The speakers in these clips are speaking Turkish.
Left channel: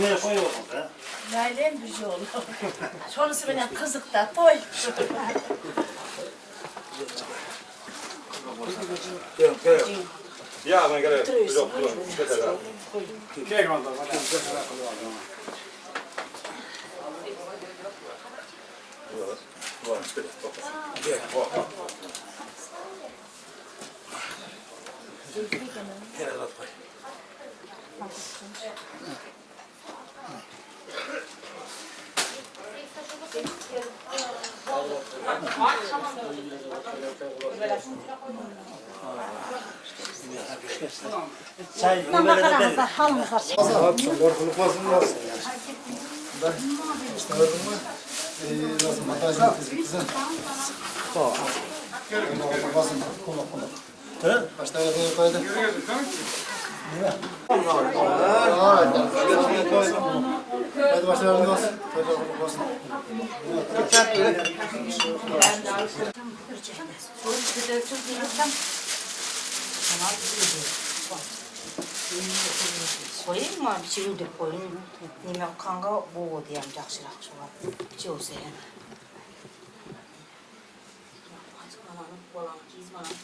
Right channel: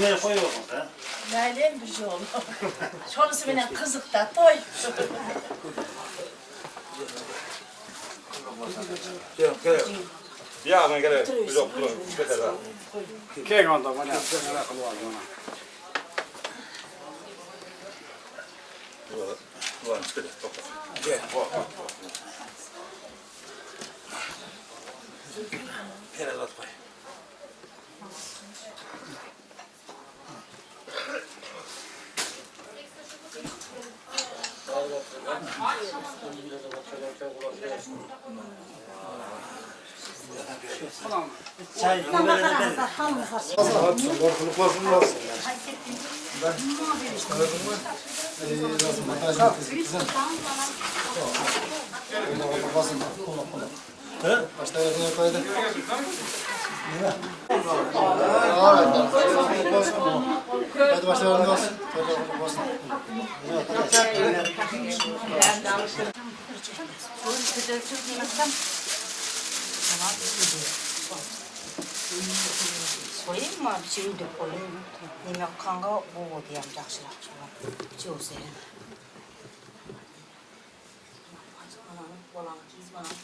Nereye koyuyorsun be? Nailem bir şey oldu. Sonrası benim kızık da toy. Gel. Ya ben gel. Yok. Gel oldu bana. Ulan çıkacak. Gel. Helal at koy. Çay böyle de benim. Korkuluk basın nasıl? Ben işte gördün mü? Nasıl montajını kızım. Korkuluk basın. Kola. Başta yapıyor koydu. Ne? Hadi başlayalım olsun. Korkuluk basın. Koyayım mı? Bir şey de koyayım. Nime kanka bu diyem жақсырақ шығар. Жеусен. Баланы киіз баланы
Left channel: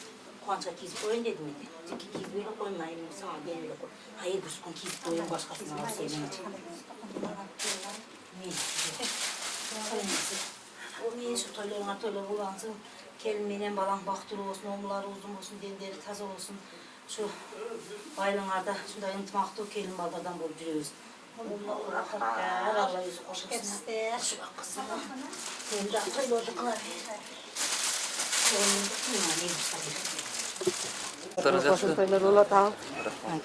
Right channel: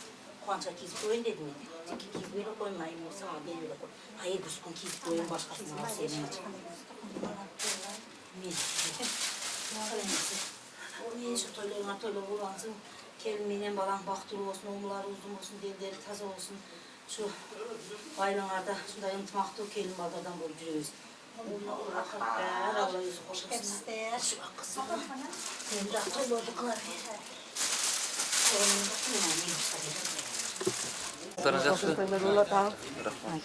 қанша киіз қойын дедім еді. Тек киіз бөліп қоймаймын, саған белгілі қой. Айы дұрысқын киіз қойын басқасына алып сенің. Мен şu toylarına toylar ulansın. Kelmeyle balan baktırı olsun, omları uzun olsun, denderi taza olsun. Şu baylanlarda şunday ıntımaqtı kelin baldadan bolup жүрөбүз. Allah yüzü hoş olsun. Şu bak kızım. Sen de toylardı kılar. Toylar ola tamam.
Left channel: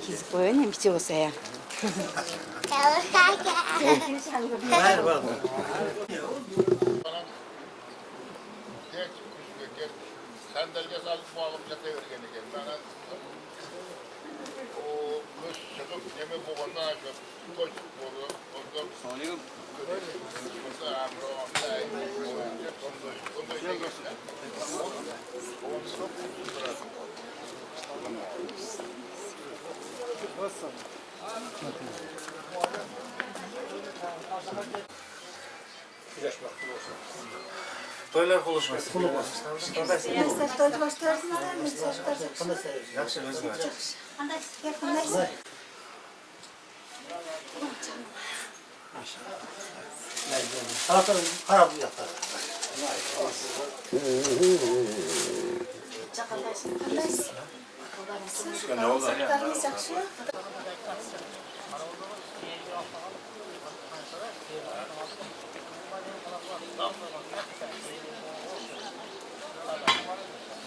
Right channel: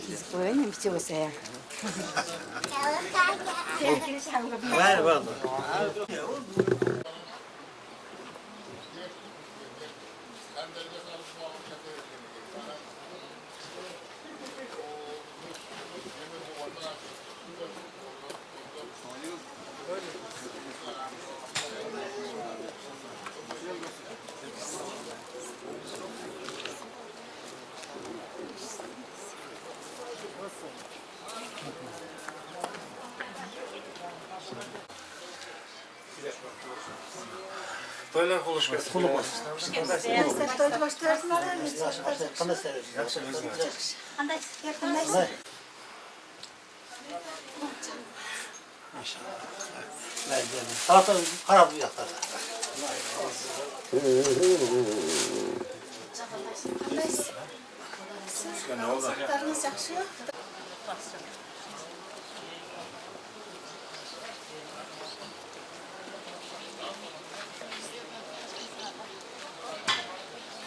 Kiz koyun bir şey olsa ya. Ver var. Sandalye alıp bağlıp yatıyor gene. Bana o müş çıkıp yemek boğuldan açıp koş boğulu. Sonuyor. Toylar buluşması. Sen toydu başlarsın adam mı? Yaxşı özüm. Anday, yakındayız. Salata kara bu yatar. Andays. Ne oldu? Çocuklarınız yaxşı.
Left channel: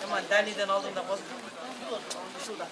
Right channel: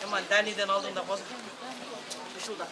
Aman Dani'den aldığında bozuk. Şurada.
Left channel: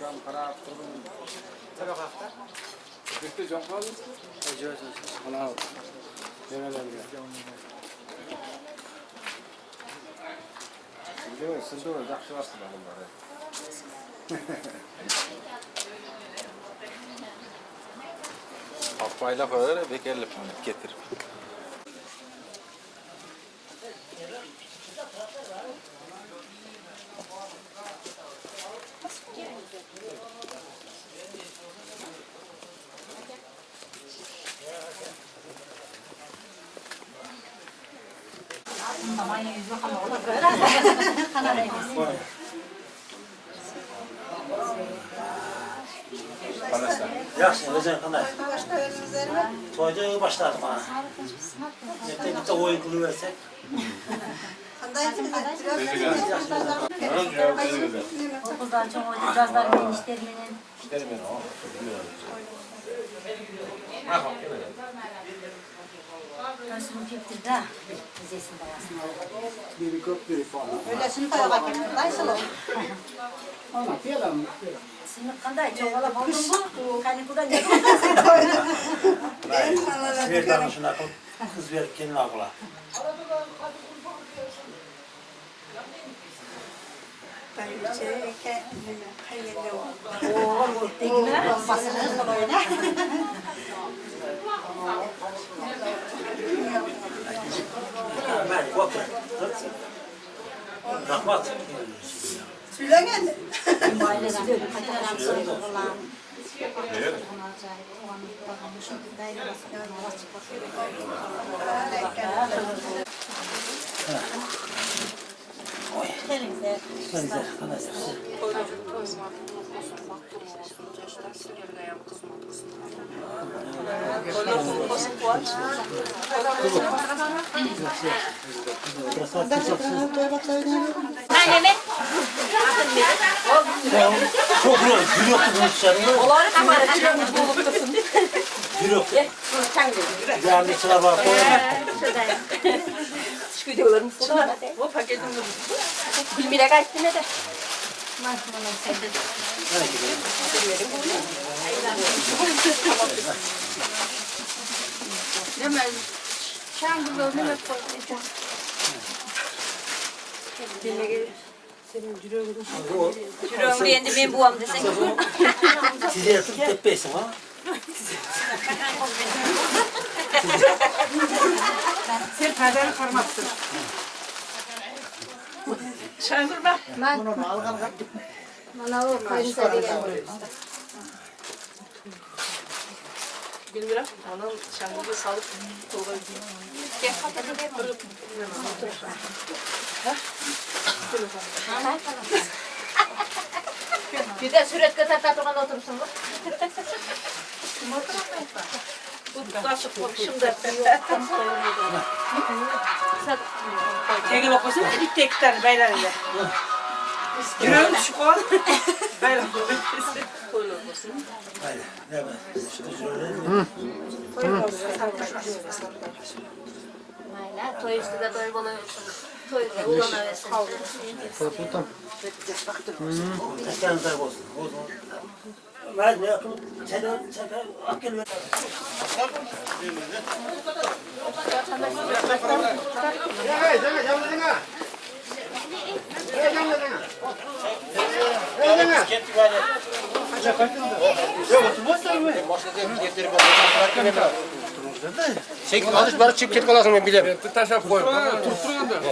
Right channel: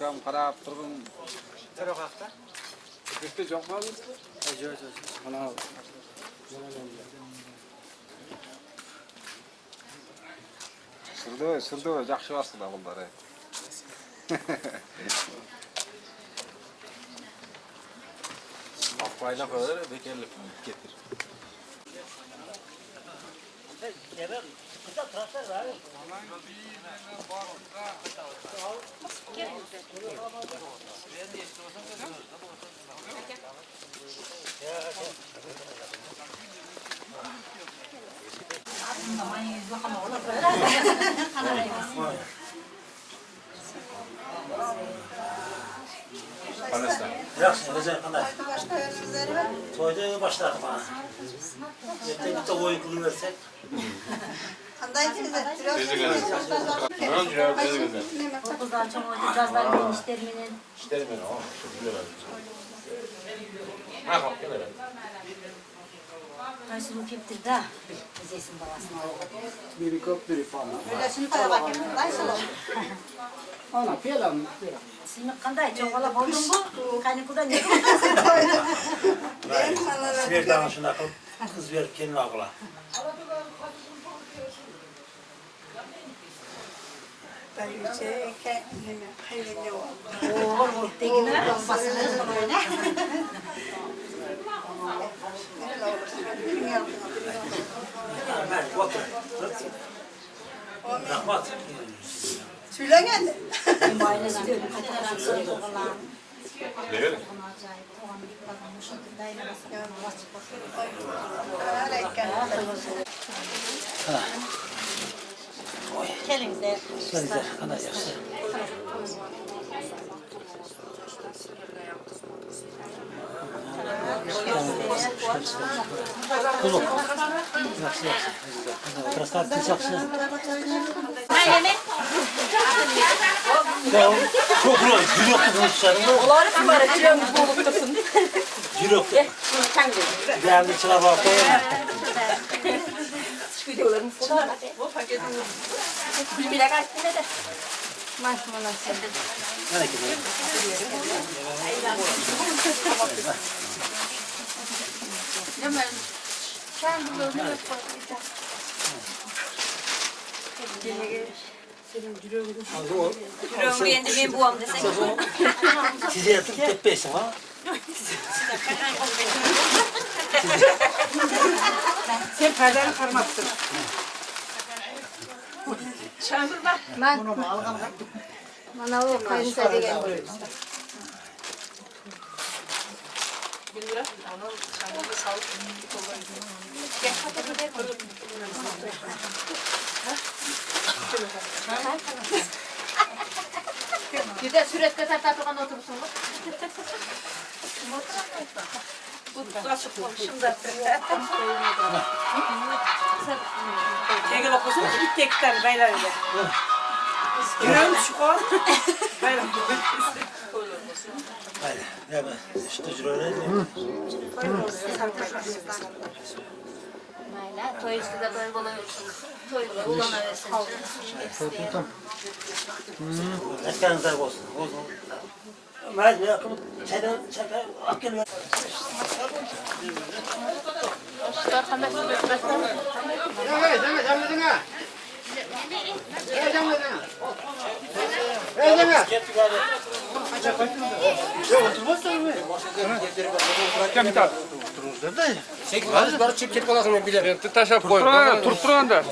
Kam qarab turdim. Tabii hafta. Bitti jo'qmadi? Yo'q. Mana Sırda yaxshi aslında bunlar. Apayla kadar bekerli getir. Yaxşı, özün qanday? Başlarınızları var. Toyda başladım ha. Bitta oyun qiliversek. Qanday qiladi? O kızlar çok oydu. Cazlar benim işlermenin. Nasıl keptir da? Bizesin babasına. Biri köp, biri falan. Öylesini toyağa getirdim. Dayısın o. Ana, piyalan. Senin kanday çok alap oldun bu. Kanikudan ne Sverdan şuna qilib qiz berib kelin og'la. Dayıcı, hayırlı ol. Oğlum tekine basını koyuna. Mənim otur. Rahmat. Söylen Benim ailesi de öyle kaçaran söylüyor falan. Evet. Elimizde. Sizə qanday yaxşı. Krasavçı yaxşı. Çok ulan gül yoktu bunun dışarında. Oları kamera kilomuz buluktasın. Gül yoktu. Sen de. Değerli çıra var koyalım. Şu videolarımı fotoğraf. Bu paketim. Bilmire kaçtı ne de. Nereye gidiyorsun? Yürüyorum beğendi benim buam desek. Size yatıp tepeysin ha. Sen perdeni karmattın. Çağırma. Bana o kayınsa diye. Bilmiyorum. Onun çangıda sağlık dolayı. Bir de süret kadar tatlıkan oturursun mu? Bu nasıl konuşum da. Egel okusun bir tek tane beylerle. Yürüyorum şu kol. Beyler. Haydi. Ne ben? İşte cüröyle diyeyim. Mayla, toy üstüde toy buluyorsun. Toy bulamıyorsun. Ekranızda olsun. Haydi ne akıllı. Çaydan akıl ver. Alış bari çip ketip alasın ben bilemem. Taşap koy. Turturan da.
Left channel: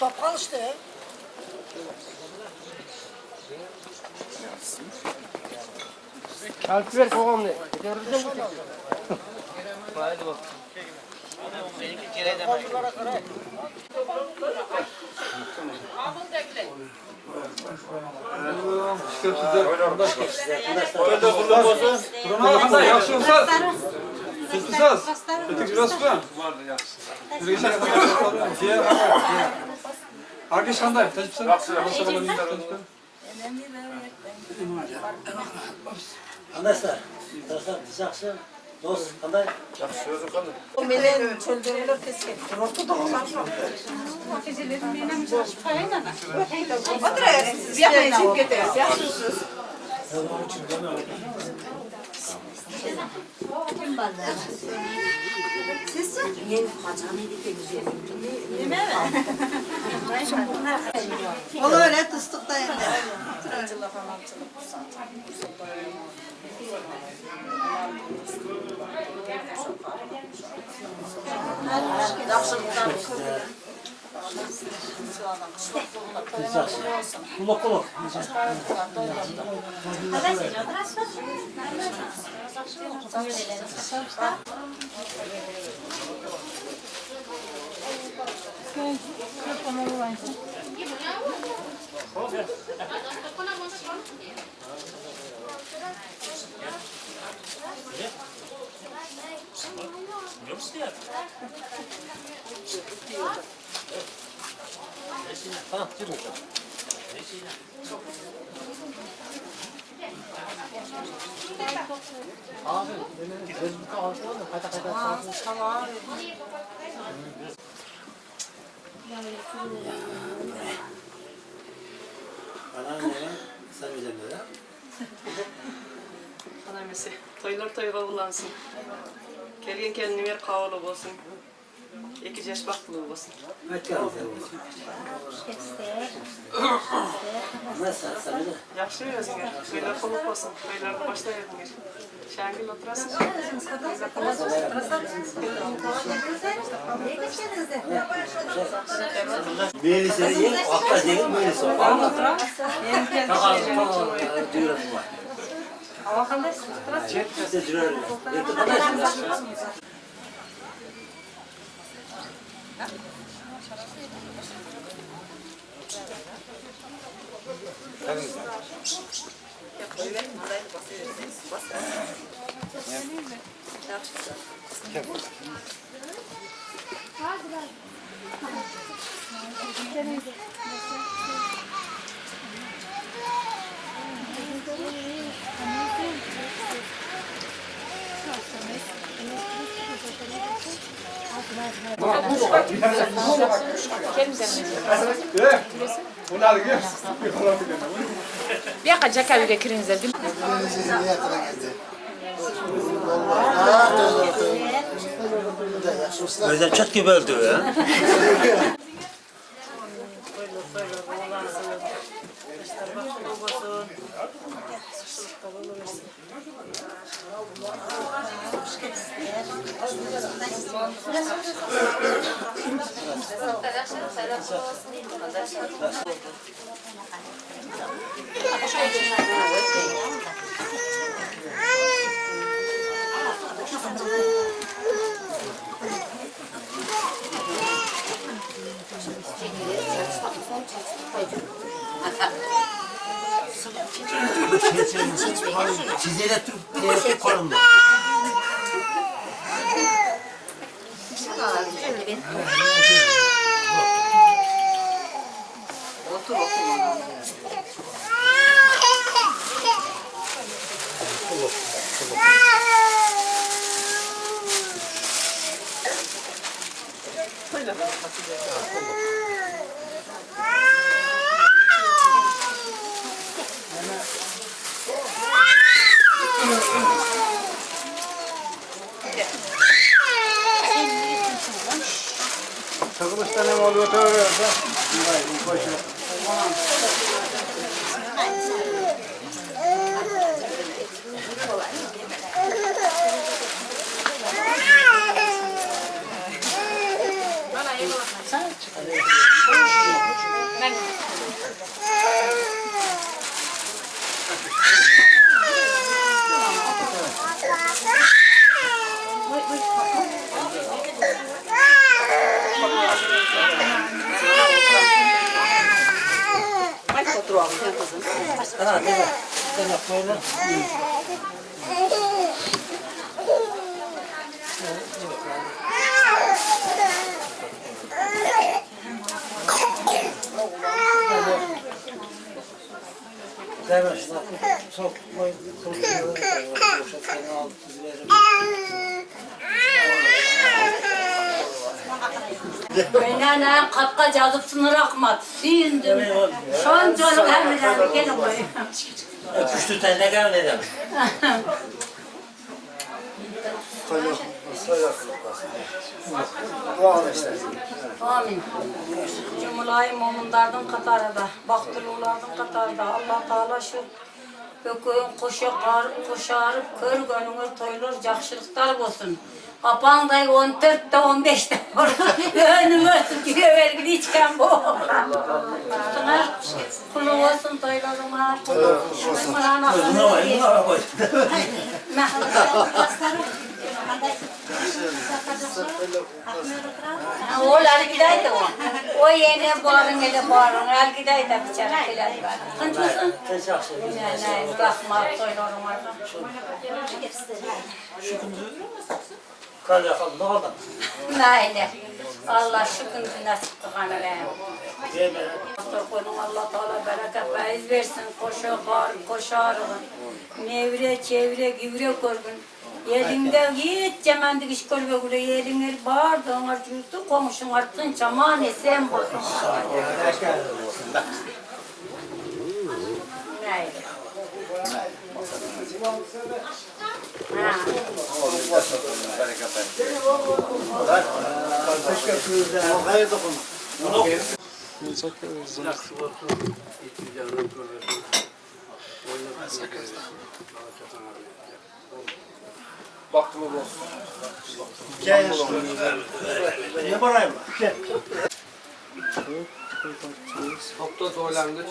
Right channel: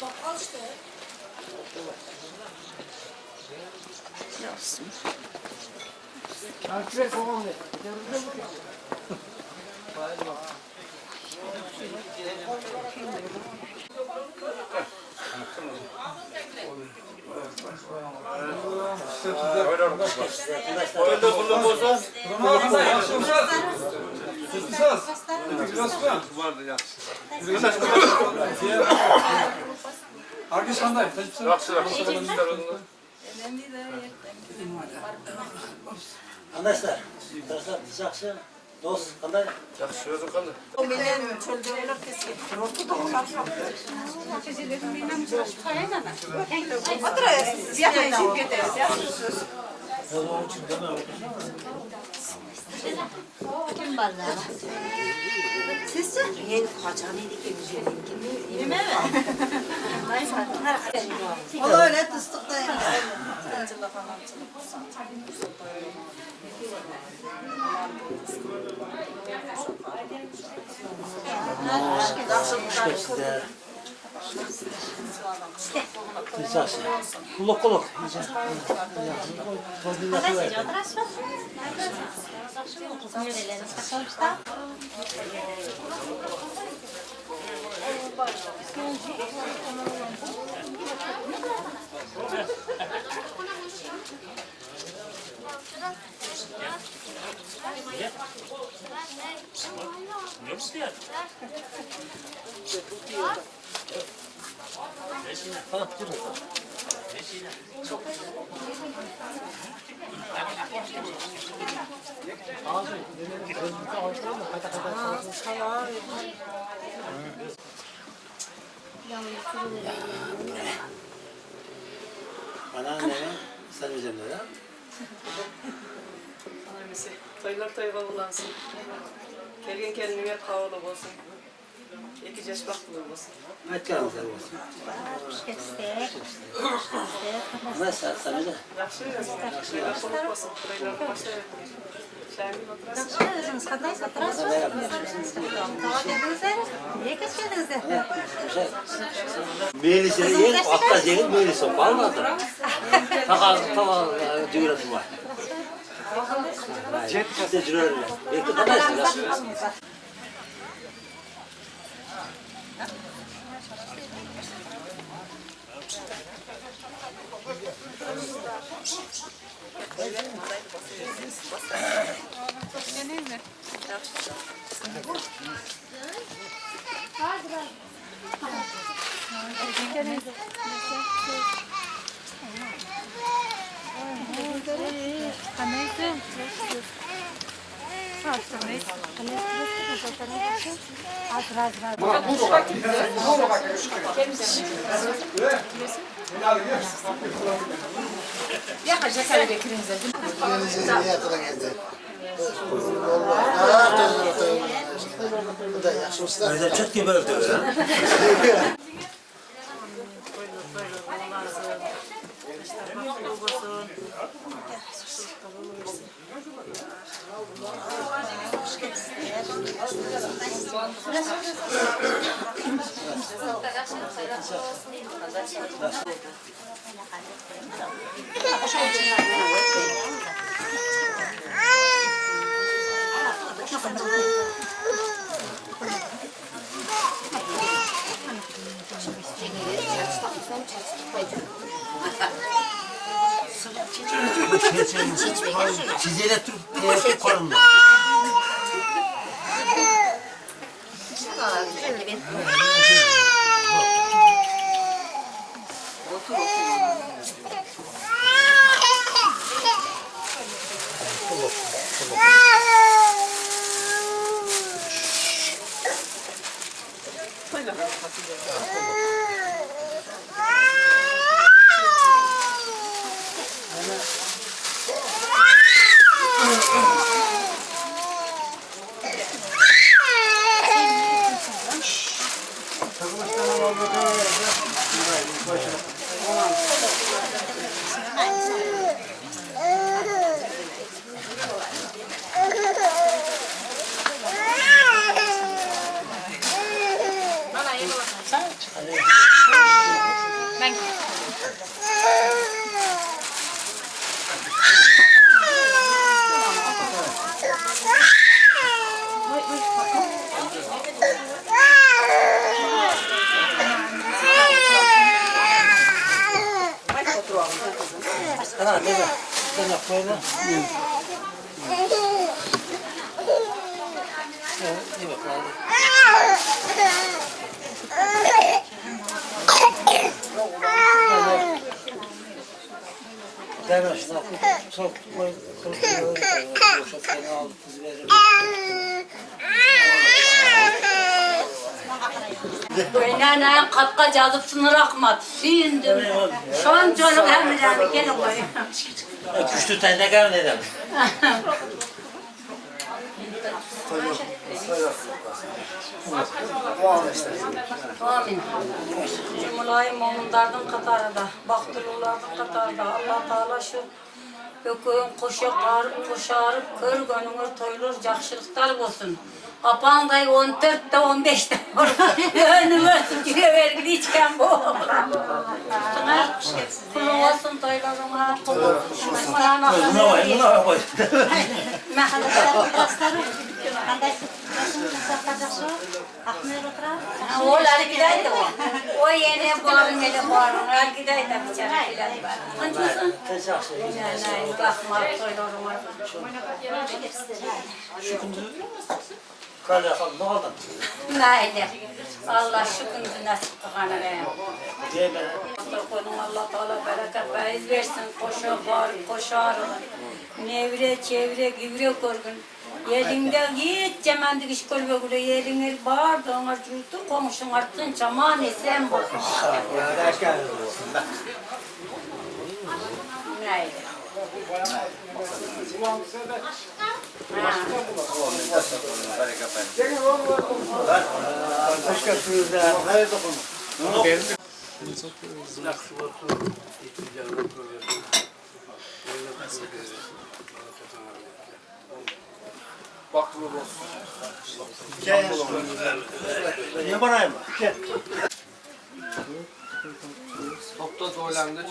Topal işte. Kalp ver kovam ne? Arkadaş kanday? Arkadaşlar, yaxşı. Dost, qanday? Yaxşı özün qanday? O melen çocuğuyla kesin. Oturayın. Bir yakmayın çip getiririz. Yaxşısınız. Onun için deme. Kim bana? Sizce? Yeni kaçan idik de güzelim. Değil mi? O da öyle tıstıkta yani. Yaxşı. Kulak kulak. Tamam, yürü. Abi, gözlük alsana da kayda kayda. Tamam. Anneanne, sen üzerinde ya. Anamesi. Toylar toyga ulansın. Kelgen kendini ver kavulu olsun. İki yaş baktılığı olsun. Hadi gel bakalım. Nasıl? Sen de. Yaxşı özüne. Toylar koluk olsun. Toylarını başlayalım. Şengül oturasın. Böylesi yer, akla zeyn böylesi. Vallahi. Tamam, duyurasın var. Size duyurarım. Bekle kadarsın. Bir yakacak evi bekirinize. Özlem çat gibi öldü ya. Size de Türk korunma. Ha, ne var? Sen yap böyle. İyi bakalım. Ver şuna. Çok koy. Kurtuyor. Boşa seni al. Dizilerim. Beynana kapka yazıp sınır akmat. Sindim. Şu an çocuk hem de gelin koyun. Küçtü tane kadar ne demek? Amin. Cumulayım oğlumlardan katarında, baktırılardan katarında. Allah Teala şu öküyün koşarıp kör gönlünü toyulur, jakşılıklar olsun. Kapağınday 14'te 15'te önüme sıkıyor vergili içken bu. Üstüne kulu olsun toylarına. Buna koy. Mehmet Oğlan gideydi o. O yene bağırın ele bağırın. Al gideydi biçare filan var. Kaçmasın? Ne bakma söylüyorum arka. Kale yapalım, ne oldu? Naile. Allah şükür nasip kıkanı be. Diyeme. Konum Allah Teala bereket faiz versin. Koşa bağırıp koşarım. Nevre çevre güvre korgun. Yerinde hiç cemendik iş kolbe gure yerine bağırdı ona cüzdü komşun arttın çaman esen bozun. Neydi? Baktım olsun. Ne parayım? Topta zorlandı.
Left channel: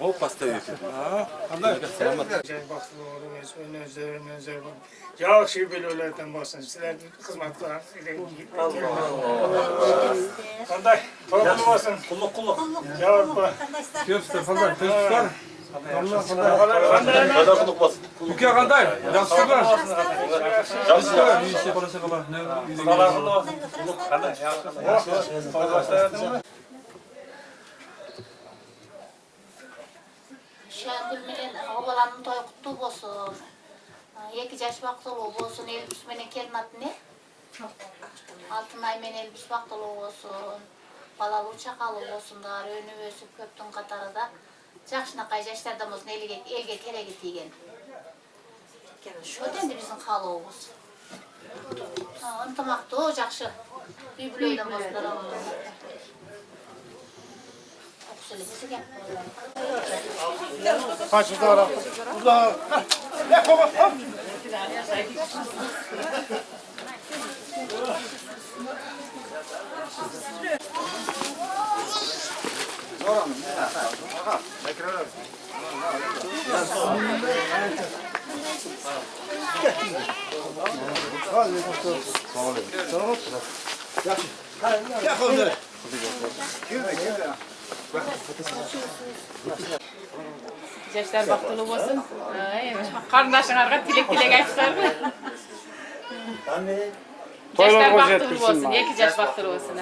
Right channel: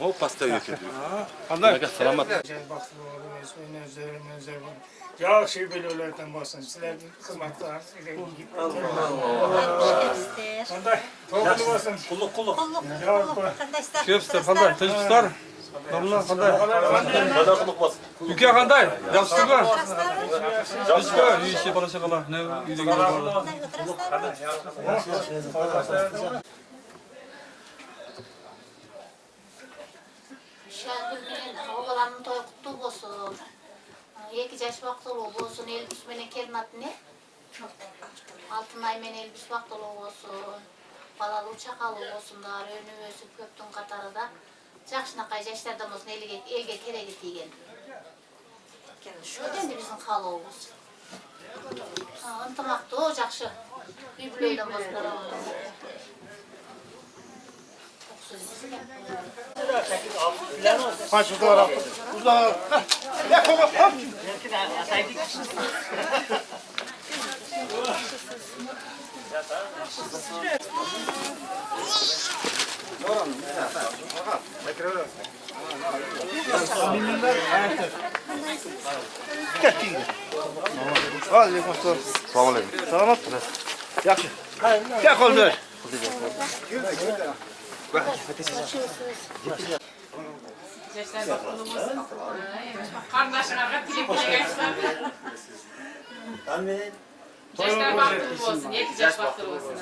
O pastayı yetiyor. Ya şey böyle ölerden basın. Sizler hizmet var. Kanday, toplum olsun. Kulluk kulluk. Ya bu. Köpste kanday, tezgahlar. Damla kanday. Kadar kuluk bas. Ülke kanday. Yapsınlar. Yapsınlar. İyi şey bana şakalar. Ne? İyi Şengül menen oğlanın toy kutlu bolsun. 2 yaş vaqtılığı bolsun. Elbis menen kelmat ne? Altın ay menen elbis vaqtılığı bolsun. Balalı çakalı bolsunlar. Önü ösüp köptün katarıda. Жақшынақай жаштардамыздың елге керегі тиген. Şu endi bizim қалауымыз. Ынтымақты, жақсы. Үй бүлөйден болсындар. Kaç fotoğraf? Uzağa. Ya kova. Gel kolunu. Gençler baktığını olsun. Kardeşlerine tilek açtılar. Gençler baktığını olsun. 2 yaş baktığını olsun.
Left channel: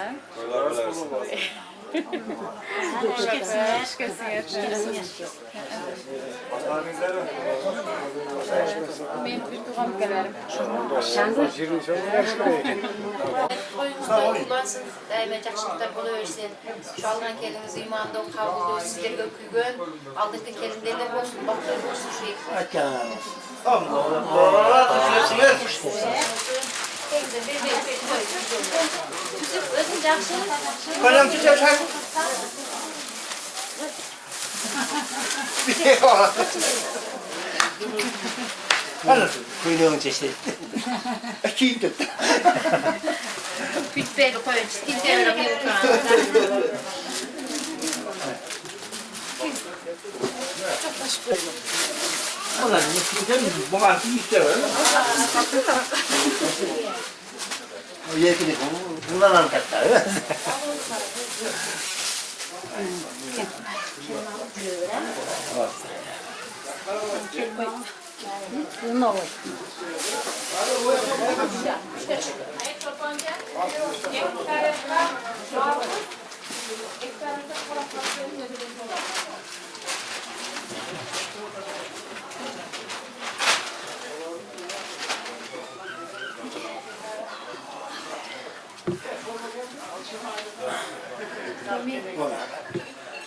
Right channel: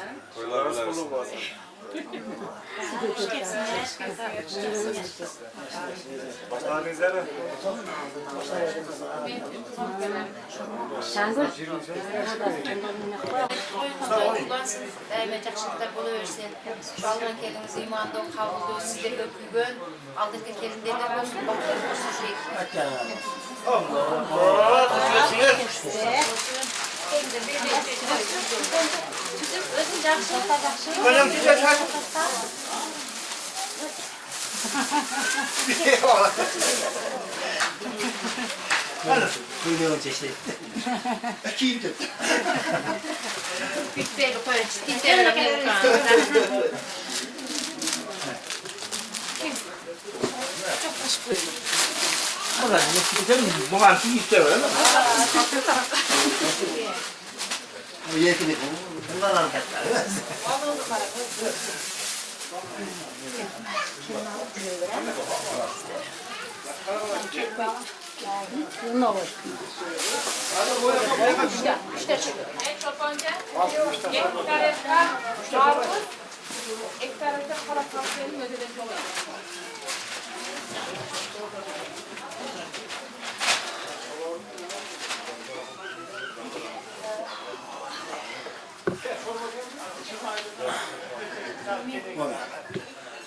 Ben tutuğum gelerim. Koyunuzda kullansın, daima жақшылықтар бола берсін. Жалған келіңіз иманды, қабылды, сіздерге күйген, алдыңғы келіндерде болсын, бақтар болсын шейк. Өзің жақшы. Koyun güzel çay. Kuyruğun çeşitli. Kim Bitbeyli koyun, çizgin bir ukan. Ulan ne güzel mi? Bu artık işte öyle mi? O yetini bundan hareketler öyle mi?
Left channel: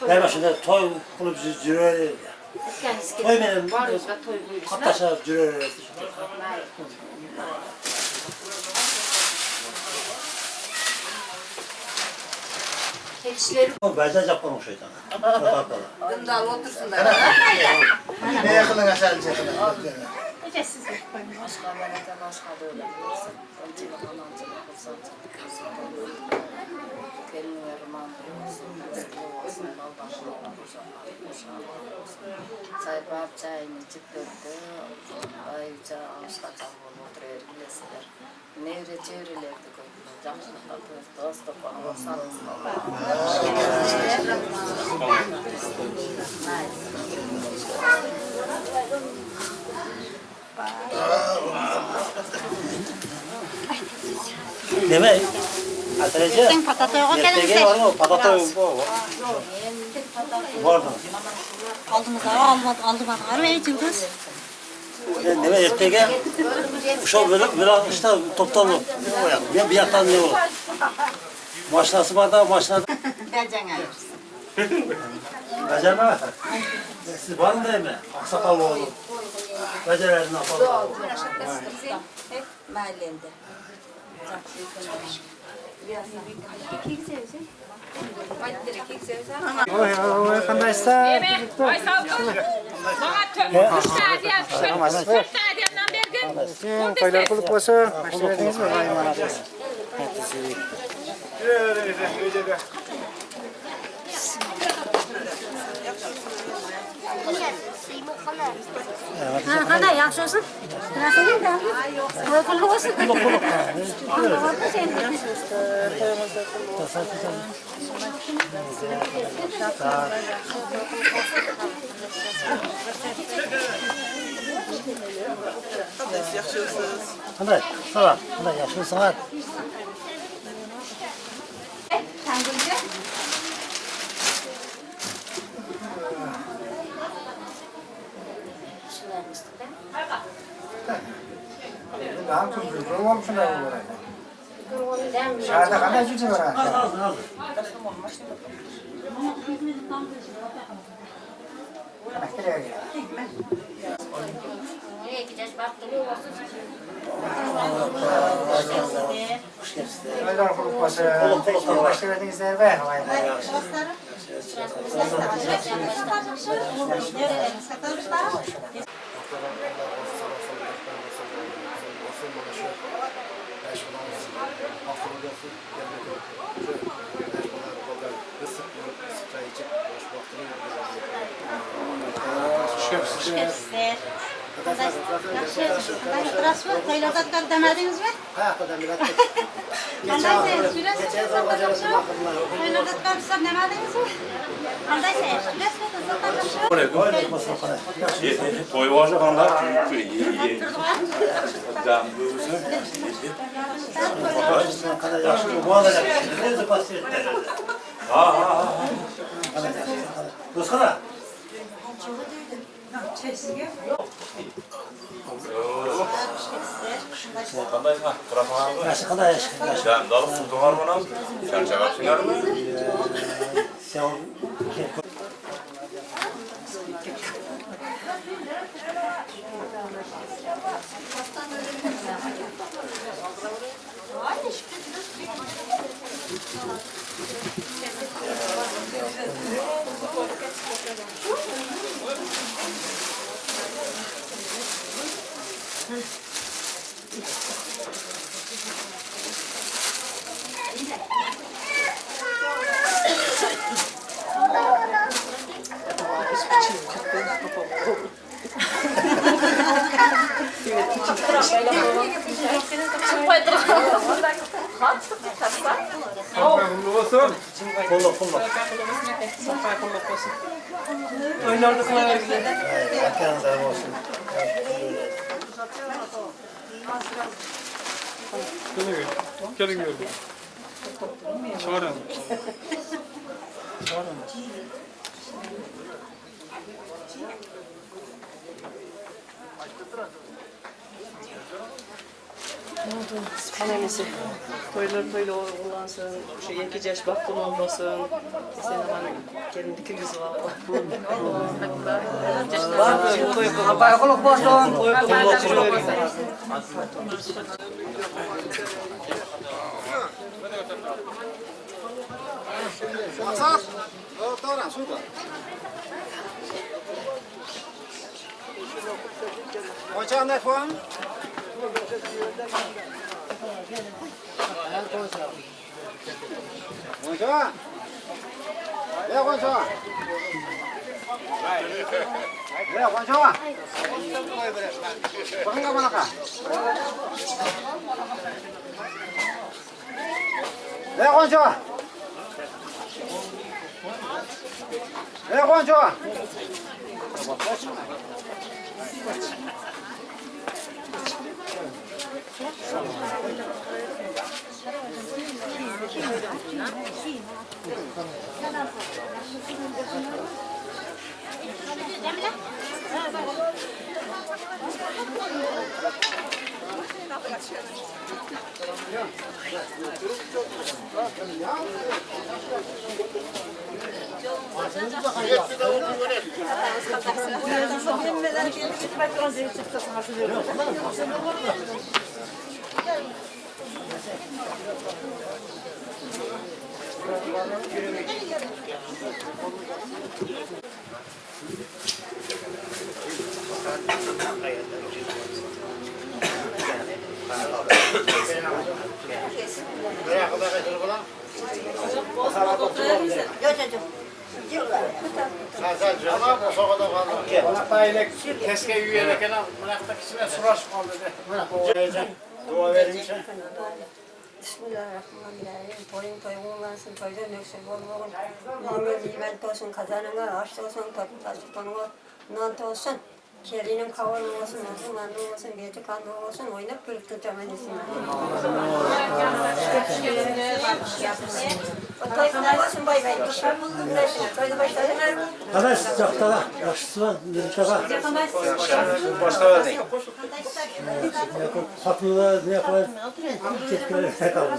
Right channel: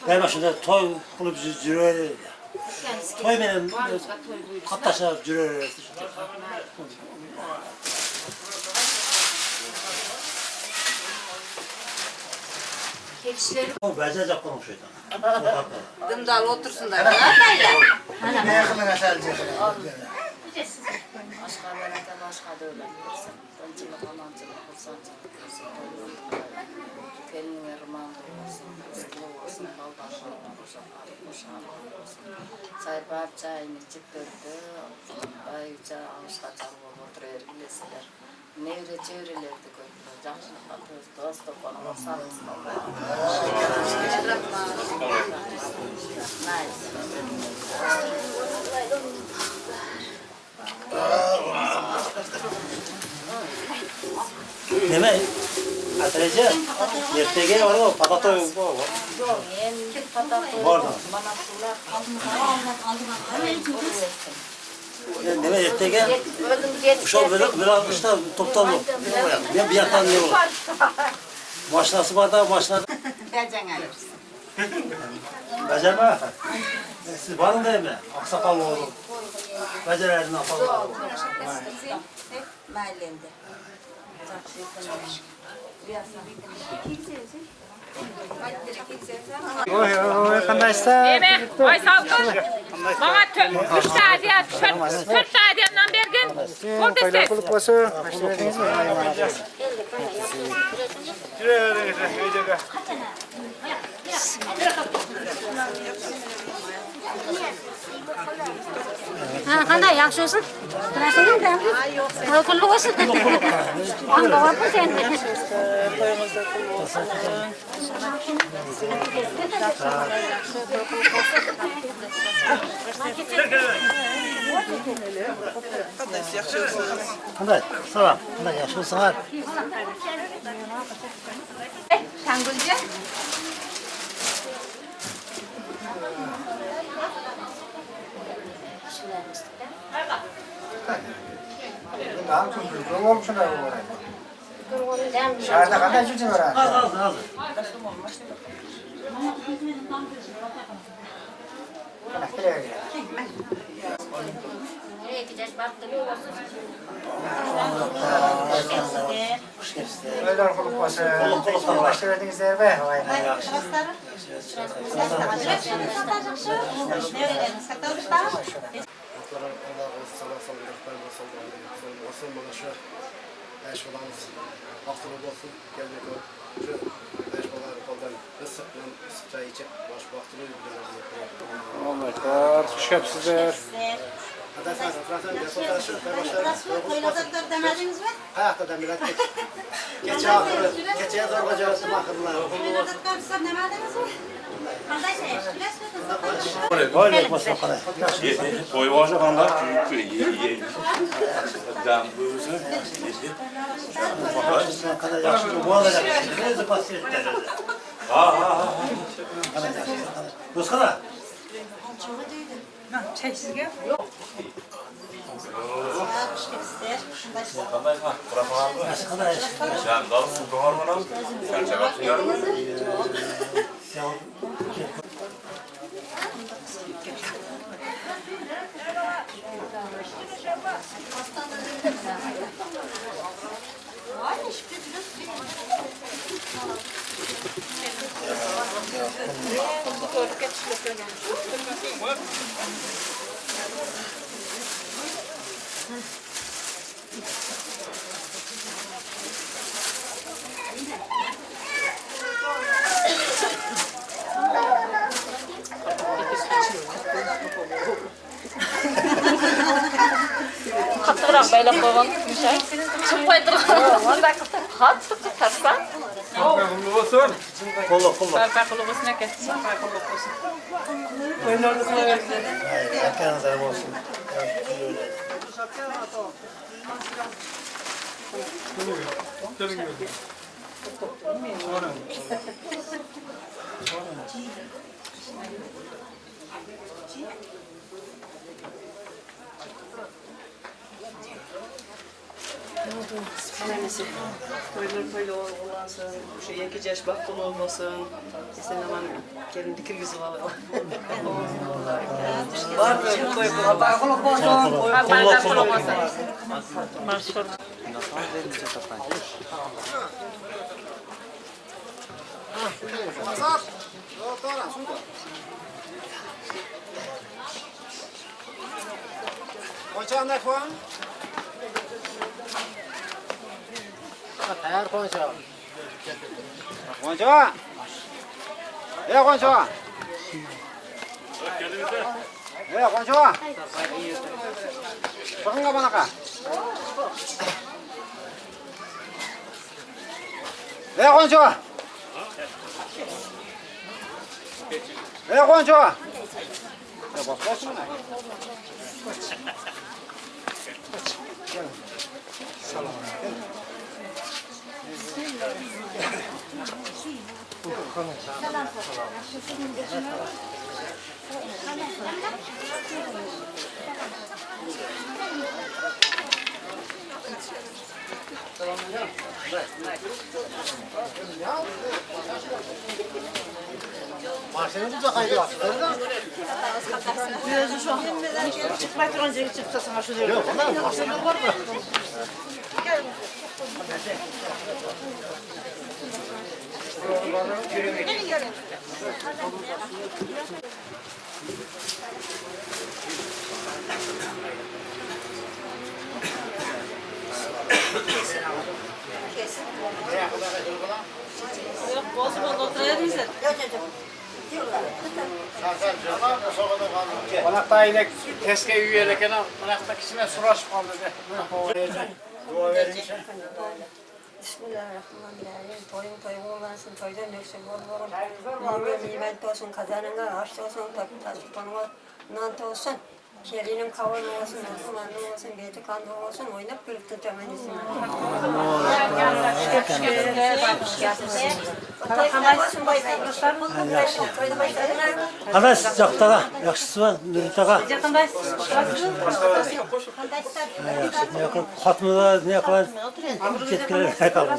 Ben başında toy bunu bizi zirveli. Toy benim. Barımızda toy buyursun. Hatta cürer. Keçileri Bence Japon şeytan. Dındal otursun da. Ne yakının aşağı çekin. başka belediye başka da öyle bilirsin. Öncülük, anancılık, kursancılık, gelinler romandır olsun, eski olsun, baldaşlık, kuşaklar, olsun. Sayıp çayını içip döktü, ayıca ağaçta çalıp oturuyor bilesiler. Nevre çevrelerdi koydular, canlılıkla dost bana sarılsın Deme. Atrece. Ertege var mı? Patata var. Var mı? Aldım bakalım. Evet kız. Deme ertege. Şu böyle işte toptan bir yaktan ne olur? Maşinası var da maşinada. Becerme. Siz var mı değil mi? Aksakallı oğlum. Becererdin apallı. Mahallemde. Arkadaşlar. Ay savcı. Bana 3 saat ya, 4 saat yandan bergin. Koylar kulup olsun. Başta verdiniz mi? Ayman abi. Ha, qanday yaxshi olsun? Bilasizmi? Qo'y qulluq olsun. Qulluq olsun sen. Toyumuzda kul olsun. Qanday yaxshisiz? Qanday? Salom. Qanday yaxshimisizlar? Tangulja. Daha kızım. Olmuş şuna bu arada. Şahane kadar cüce var ha. Al. Nereye gel? Koylar kulup olsun. Başta verdiniz be. Şöpsüzler. Qo'ylardan demadingizmi? Hayatdan bir attık. Geçen kocalasın akıllar. Qo'ylardan sizlar demadingizmi? Qanday sayasiz? Böyle basın qanday. Toy boshi qanday? Dam bo'lsa. Qanday yaxshi bu olacak. O'zi pasiyetler. Ha. Qanday yaxshi. Do'stlar. Qanday? Qurafanmi? Yaxshi qanday yaxshi. Jam dalib turarman ham. Charchag'apsizlarmi? Kaptırak böyle koyalım. Çıkmayı duralım. Kolluk. Toylarda kula verdiler. Erkenizler olsun. Önemlisi. Toylar toyla olansın, şu 2 yaş bakkul olmasın. İşte ne var Gelin dikir yüzü var. Var mı? Koy Kulak olsun. Kolluk. Maksat. Doğru, su koy. Koyacağın ne puan? Her koyacağım. Koyacağım. Ya koyacağım. Ya koyacağım. Bakın kabana ka. Ya koyacağım. Ya koyacağım. Konakta inek keske yiyerek konakta kişine suraşıp kaldı de. Dua verince. Bismillahirrahmanirrahim. Toyun olansın, toydan öksün olmalı. Nimet olsun, kazanına aç olsun, taşı konuğa nant olsun. Kelinin kavanı olsun, uzmanlı olsun, beti kanlı olsun, oynayıp gülüp tutacağım enişim. Toyuna basın bay bay. Toyda başladın. Hemen sıcakta yaşlısı var. Nurçaka. Fatma'da ne yapar? Ketkiler ne kalır?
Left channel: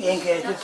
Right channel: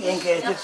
Yenge edip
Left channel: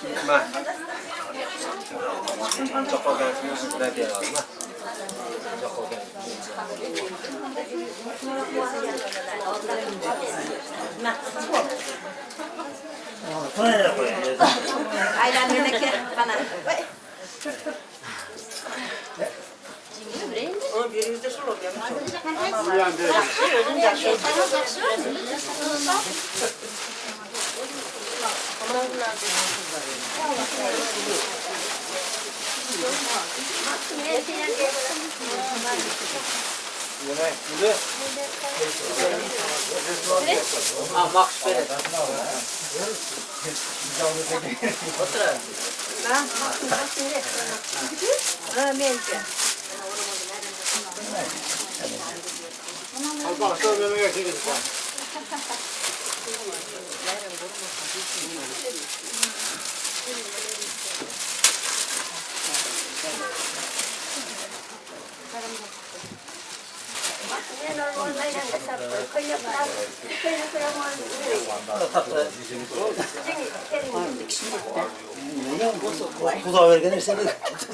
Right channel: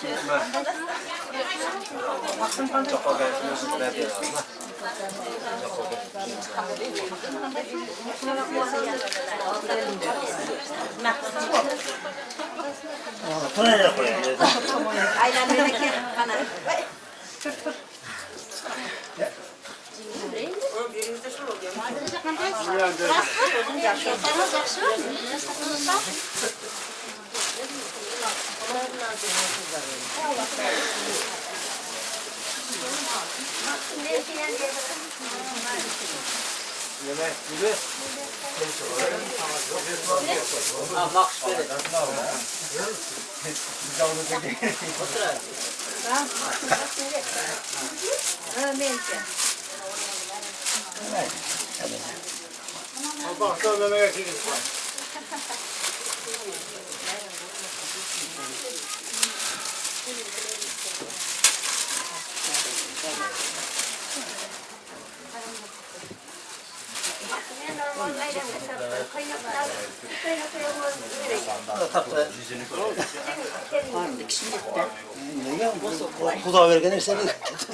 Kuda vergen işte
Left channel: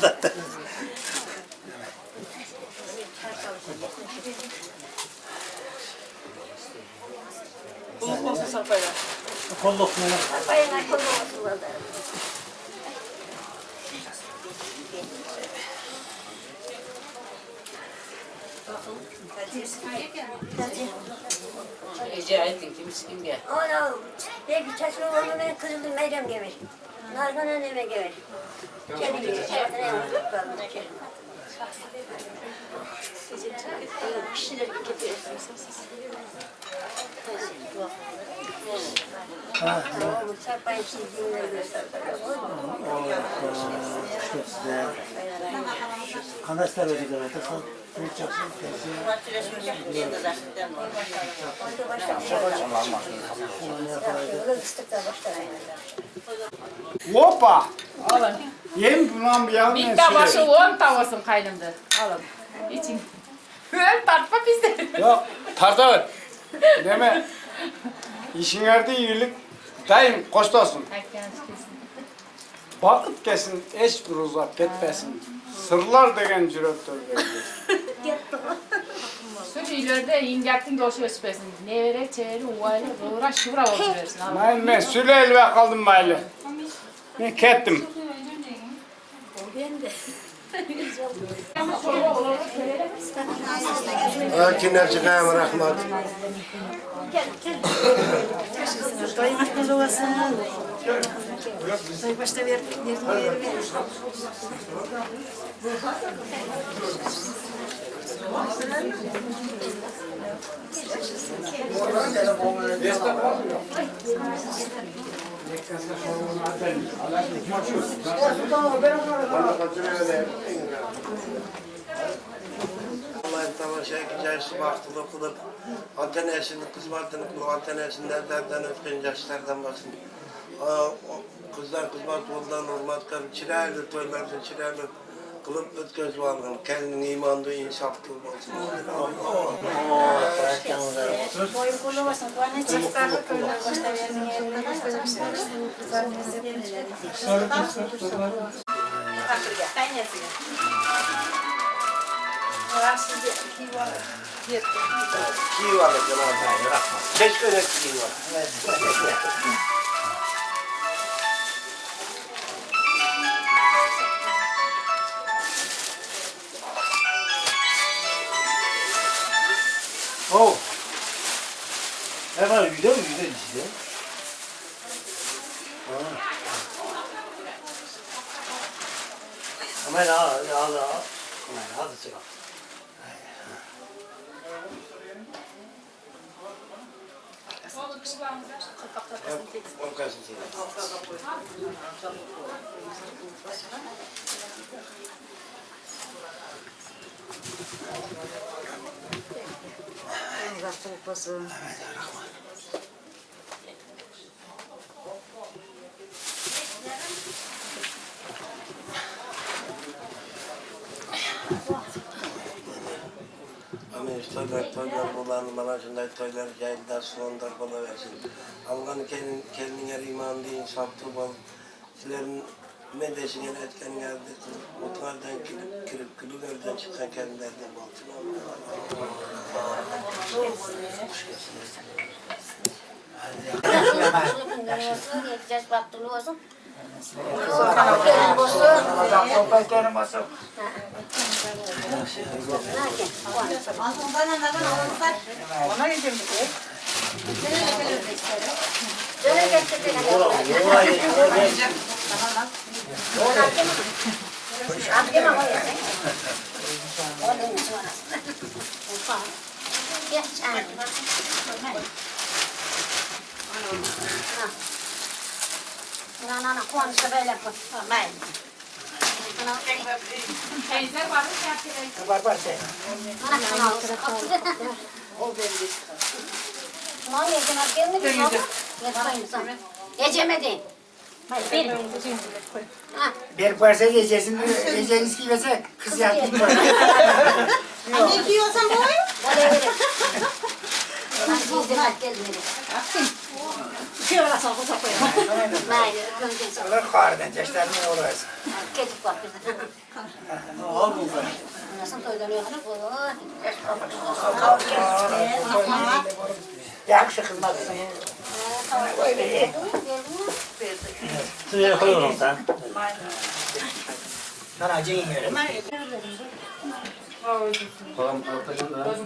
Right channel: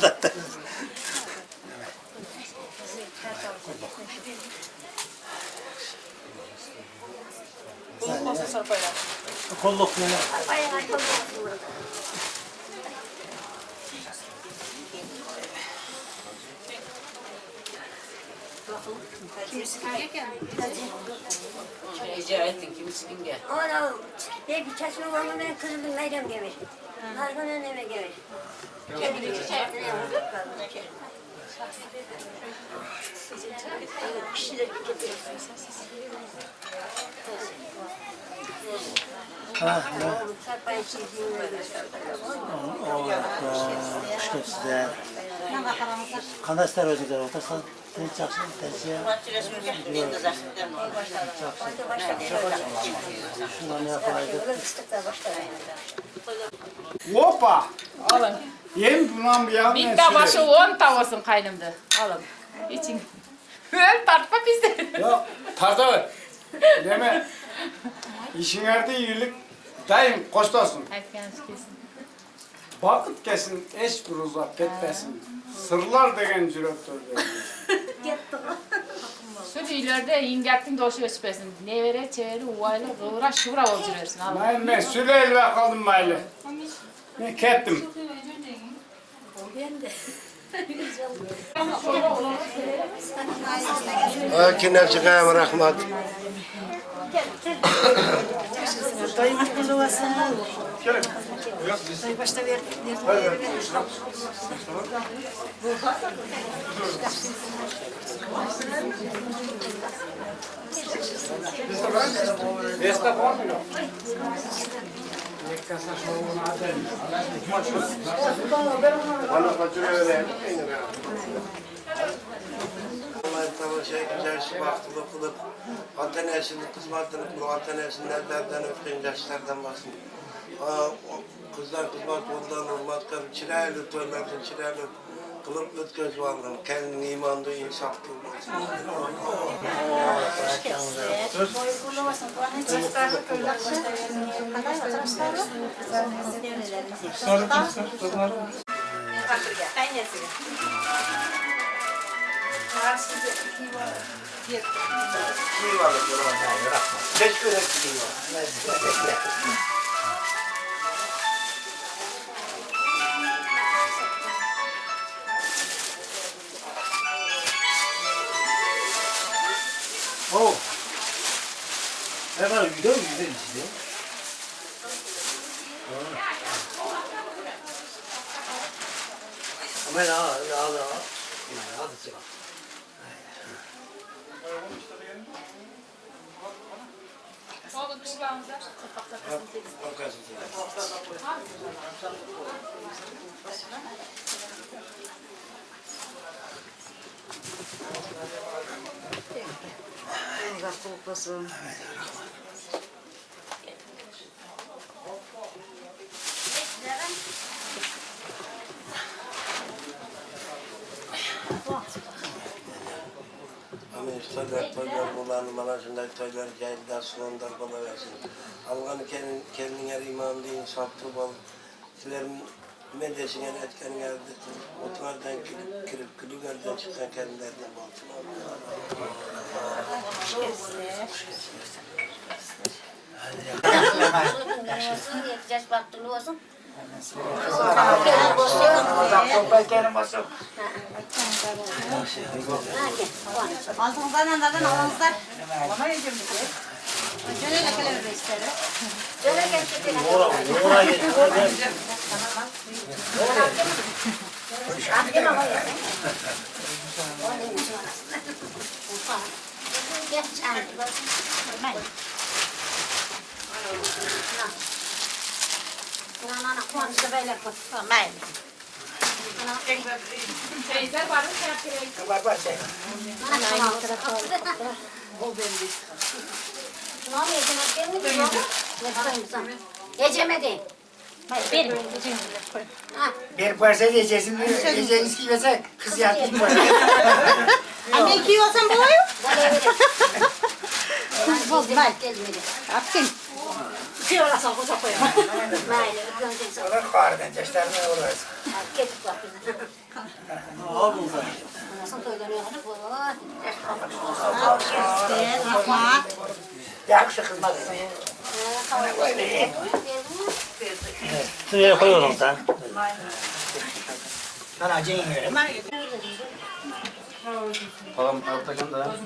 zaten. Kolluk ne? Rica ettin kimsin gel. Ana, bir çeşme var mı ben kızıldım meydem gelir. Nargana neme gelir. Kandaşlar ödüyor. Otursan ne çaksın? Şundan ne yapaydı? Hoppa. Alın. Yem bundan bir yavrum. Bir tabaşı 10 tavasın kaynımda. Alın. İçin. Öl tartma bizi. Yok tarta ver. Deme. İşin yerde iyilik daim koştasın. Vakit kesin eş bir uzak gitmesin. Sırlar degen cürettör Şu ileride ingettin doşu öspesin. Ne vere çeviri uvayla uğra şura oturuyorsun. Ben Süleyl ve kaldım maylı. Ben kettim. Akine çıkayım rahmat. Allah'ın tamaşa güzel baktılık kılıp antenesini, kızmartını kılıp antenesini nereden öptüğün yaşlardan basın. Kızlar kızmart oldan hurmat karım çiraylı toylardan çiraylı kılıp öt göz varlığını kendini imanlı insaf kılıp olsun. Boyu kulu olsun. Bana çıkardık. Ki var Allah'ın rahmat. Keşke öyle ki var. Oh. Hemen yüzde işte. Ama ya hadi çıkalım. Toylar bulanı bana şunday toylar cahilden sulandar bana versin. Allah'ın kendine imanlı insaflı bol. Sizlerin medesine etken geldi. Mutlardan kirip külülerden çıkan kendilerden bolsun. Yakacağız baktığını olsun. Ana kuansa böyle koy. Ben. Teyze var mı yaptırayım? Var şey. Geçemedi. Bir parça yiyeceğiz ki mesela kız yatayım. Anne giyiyorsan boy. Aferin. Şey orası olsa koyalım. Olur kardan yaşlar ne olur? Ketik var. Al bunu. Nasıl toylanıyor? Yakşı kızmaz. Şuraya koyuyorum sen. Ben acıyım yere. Tamam ortadan da.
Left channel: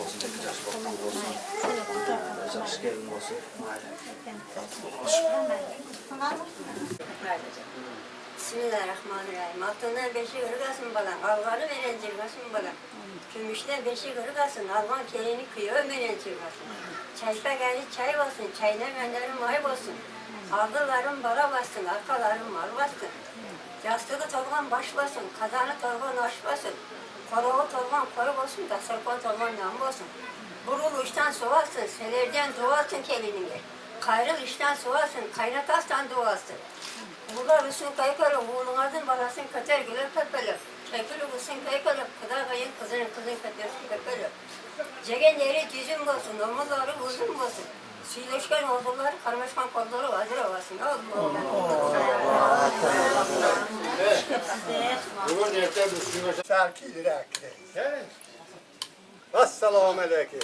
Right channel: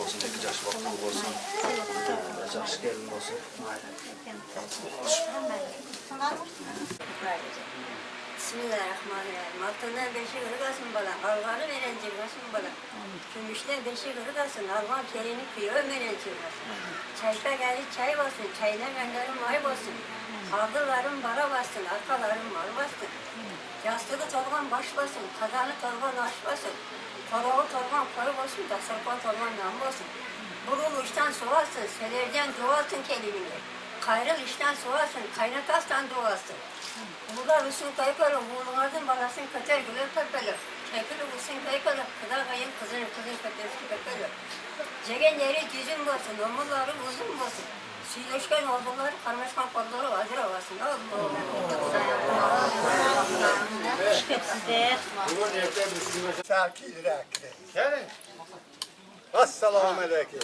Olsun tekrar bakmak olsun. Çok gelin olsun. Bismillahirrahmanirrahim. Altından beşi kırıgasın balan, algarı veren cirgasın balan. Gümüşten beşi kırıgasın, alman kelini kıyı ömeren cirgasın. Çaypa geldi çay basın, çayına gönderin may basın. Aldıların bara bassın, arkaların mal bassın. Yastığı torgan baş basın, kazanı torgan aş basın. Karağı torban koyu olsun da sarpan torban namı olsun. Burul işten soğarsın, selerden doğarsın kelimini. Kayrıl işten soğarsın, kaynatastan doğarsın. Burada üstün kaykalı, oğlunardın balasın kater güler pepeli. Kekili üstün kaykalı, kıda kayın kızın katersi pepeli. Cegen yeri düzün olsun, omuzları uzun olsun. Suyleşken orduları, karmaşkan kolları hazır olasın. Bugün erken bir şarkıyla Assalamu aleykum.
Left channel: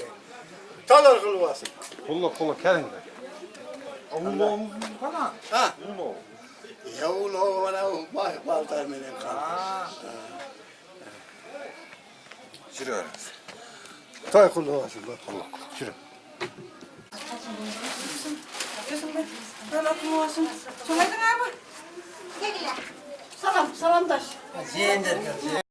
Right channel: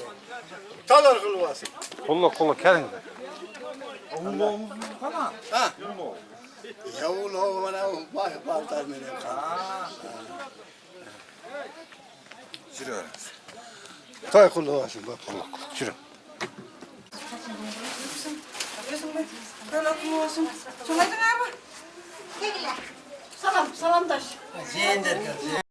Talar kılvasın. Kulluk gelin de. Ha? Ya ulo bana baltar menen kan. Sürüyor. Tay kılvasın bak. Kulluk. Sürü. Salam, salam taş. Zeynep geldi.